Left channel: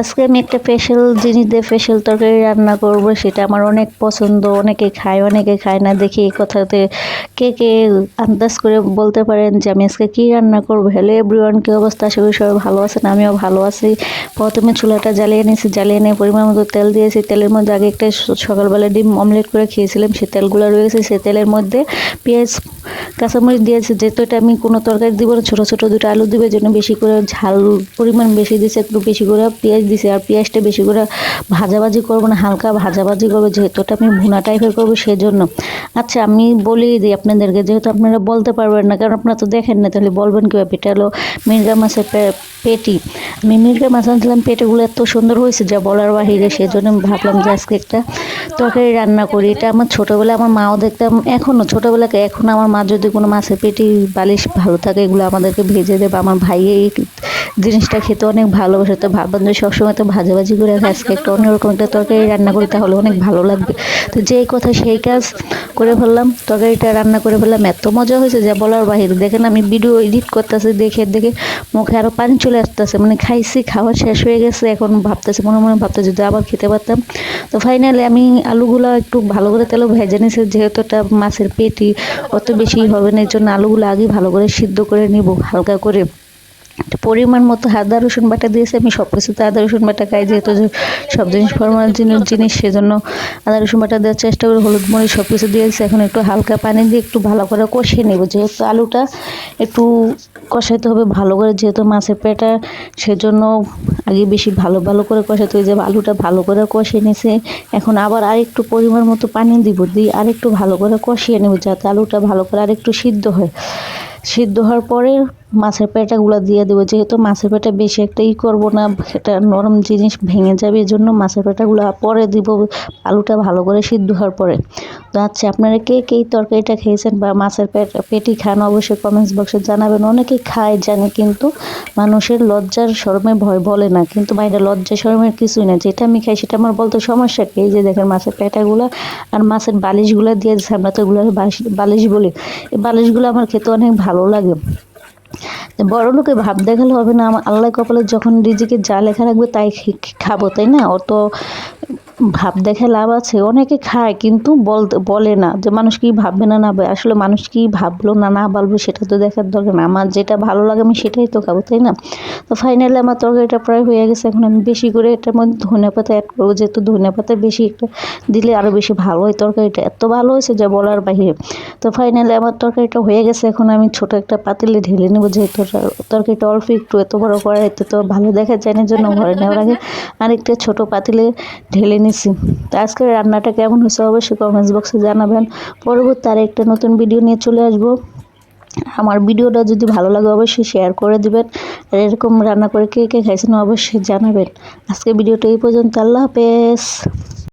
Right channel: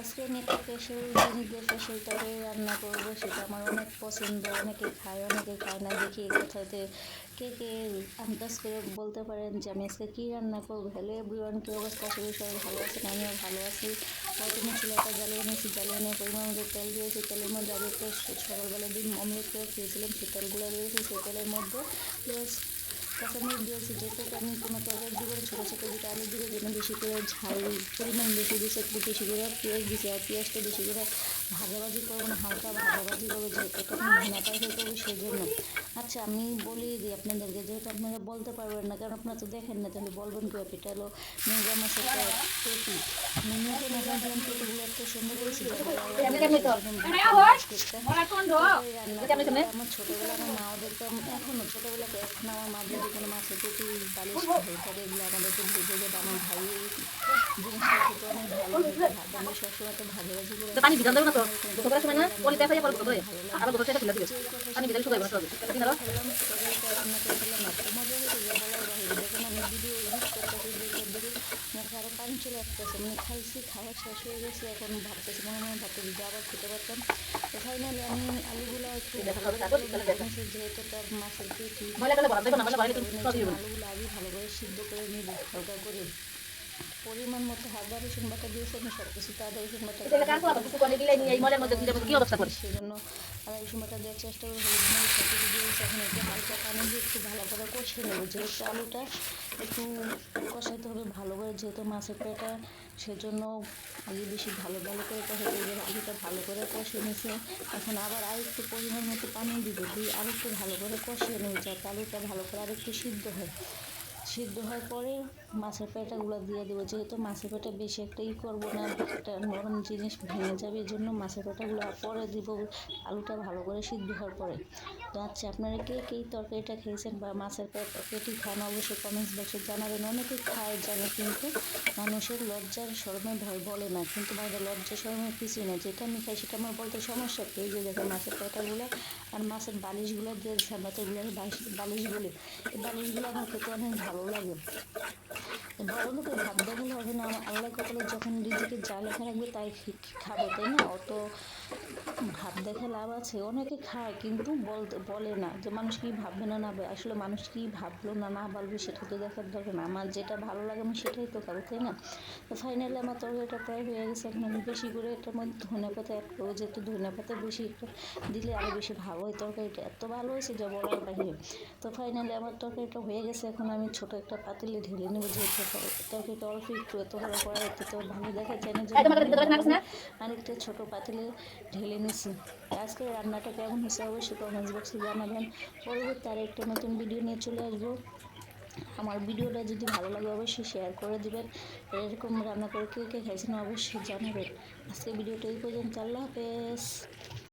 আজকে আমি একটা স্পেশাল জিনিস দিয়ে স্পেশাল তরকারি রান্না করব, সেটা আমার অনেক পছন্দ। অনেকে খায়, অনেকে খায় না। দেখি এই কথাতে কে কে আন্দাজ করে বলতে পারেন যে আমি আজকে কী রান্না করব। হ্যালো এভরিওয়ান, কী অবস্থা? আশা করি সবাই ভালো আছেন, আমিও ভালো আছি। প্রথমে চুলাটা জ্বালিয়ে নিয়েছি, জ্বালিয়ে নিয়ে পরিমাণ মতো তেল দিয়েছি। তেলের মধ্যে আগে একটা সকালবেলা ডিম অমলেট করে খেয়েছিলাম, সেই তেলগুলো রয়েছে। সেই তেলের মধ্যে পেঁয়াজ কাঁচামরিচ দিয়েছি। যেহেতু এটা আমি কোনো তরকারি দিব না, ছোটো ছোটো দুটো আলু দিবে জন্য বেশি করে ঝাল পরিমাণ বেশি দিয়েছি, একটু বেশি করে পেঁয়াজ দিয়েছি। আর পেঁয়াজটা বেশি করে ভাজাভাজি করবো না, হালকা ভাজাভাজি করবো, যেহেতু এটা আমি ভুনা টাইপের করবো সেজন্য। আচ্ছা, আমি বলেই দিই আপনাদেরকে, যেহেতু আপনারা বলতে পারবেন না, কারণ আপনারা তো দেখেন না, তাহলে বলবেন কীভাবে। এটা হলো মির্গা মাছের পেটি। আমি মির্গা মাছ আনছিলাম, পেটিগুলো এত সুন্দর হয়েছে যা বলার বাহিরে। সেজন্য আমি ভাবলাম যে আজকে একটা তরকারি রান্না করি। এটা আমার ছোটোবেলা আমার মাও দেখতাম, এখনও ছোটোবেলাকে এখন আমার মা যদি কোনো মাছের পেটি বালিশ ভালো থাকে এগুলো আমাদেরকে ভেজে দেবে। আমার ভাই এই জিনিসটা খেতে অনেক ভালোবাসে, তো ভাবলাম যে সবসময় তো ভাজাভাজি করে আজকে একটা অন্যরকম একটা তরকারি রান্না করি, তাহলে অনেক ভালো লাগবে। তো যেই কথা সেই কাজ করে ফেললাম, তরকারিটা রান্না করে ফেললাম। এত মজা হয়েছে যা বলার বাহিরে। দেখেন আমি ভিডিও এডিট করতেছি, দেখে দেখে মুখে আরও পানি চলে আসতেছে। মানে খাইছি, খাওয়া শেষ হয়ে গেছে, এখন ভাবতেছি মনে মনে ভাবতেছি যদি আবার খেতে পারতাম। তো ফাইনালি আমি আলুগুলো একটু ভালো করে তেলে ভেজে নিয়েছি, যেহেতু এটা মাছের পেটি অত বেশি হবে না, এর জন্য আলুগুলো আগে ভালো করে সিদ্ধ করে নিব হালকা করে। পরিমাণ মতো আদা রসুন বাটা দিয়েছি। আমি সব কিছুতে আদা রসুন বাটা খাই, যেহেতু সব জিনিস ফরমাল জিনিস সেজন্য আদা রসুন বাটা দেওয়ার চেষ্টা করি। হলুদ মরিচ সব কিছু দিয়েছি। এখন একটু হালকা পানি দিয়ে একটু ভালো করে কষিয়ে নেব, যেহেতু আলুটা একটু কষাইতে হবে ভালো করে, যেহেতু মাছের পেটা সেজন্য আগে বেশি ভালো ভালো করে কষাতে হবে। যে আলুটা ভালো করে কষিয়ে নিয়েছে, এখন আবার আরেকটু পরিমাণ মতো পানি দিব, দিয়ে আরেকটু ভালো করে কষিয়ে নেব, যাতে আলুটা ভালো করে আরেকটু সিদ্ধ হয়। সিদ্ধ হওয়ার পরে মাছের পেটাগুলো দিয়ে দেবো, যেহেতু মাছের পেটা বেশি একটা করবো না, সেটা নরম জিনিস ভেঙে যাবে, এই জন্য মাছের পেটাগুলো পরে দিব, আলুটা ভালো করে সিদ্ধ হওয়ার পরে। তো আচ্ছা, আপনারা কে কে এই তরকারিটা খেয়েছেন বা মাছের পেটি খান অবশ্যই কমেন্টস বক্সে জানাবেন। অনেকেই খায় জানে, কিন্তু মানুষের লজ্জার শরমে ভয় বলে না, কিন্তু বাইরে লজ্জা শরমের কিছুই না। যেটা আমি খাই সেটা আমার বলতে সমস্যা কি? এই যে দেখেন মাছের পেটাগুলো আর মাছের বালিশগুলো দিয়ে দিচ্ছে, আমরা তো এগুলো বালিশ বলি। এই বালিশগুলো আমার খেতে অনেক ভালো লাগে। বড় লোকে ভাব দেখালে হবে না, আমার আল্লাহ কপালে যখন রিজিকে যা লেখা রাখবে তাই খাবো, তাই না? অত ভাব দেখে লাভ আছে? অনেকে খায় কিন্তু বলে না যে মানুষ কি ভাববে না না ভাবে। আসলে মানুষ কি ভাবলো না না ভাবলো সেটা তো দেখার দরকার না, আমার যেটা ভালো লাগে আমি সেটাই তো খাবো, তাই না? তো ফাইনালি আমার তরকারিটা প্রায় হয়ে গেছে। এখন আমি বেশি করে এটার মধ্যে ধনিয়া পাতা অ্যাড করবো, যেহেতু ধনিয়া পাতা বেশি একটা দিলে আরও বেশি ভালো হয়। তরকারিটা এত ভালো হয়েছে যা বলার বাহিরে। তো ফাইনালি আমার তরকারিটা হয়ে গেছে। এখন আমি ছোট একটা পাতিলে ঢেলে নেবো, যেহেতু তরকারিটা অল্প একটু, এত বড় কড়াইতে তো ভালো দেখা যায় না, জন্য ঘরে নেওয়ার আগে আরেকটা ছোট পাতিলে ঢেলে নিছি। তো আজকের রান্নাটা কেমন হয়েছে অবশ্যই কমেন্টস বক্সে জানাবেন। পরবর্তী আরেকটা নতুন ভিডিও নিয়ে চলে আসবো। আমার ভিডিওটা যদি ভালো লাগে অবশ্যই শেয়ার করে দিবেন। আর এরকম রান্না করে কে কে খাইছেন অবশ্যই জানাবেন। আজকে ভিডিওটা এই পর্যন্ত। আল্লাহ হাফেজ।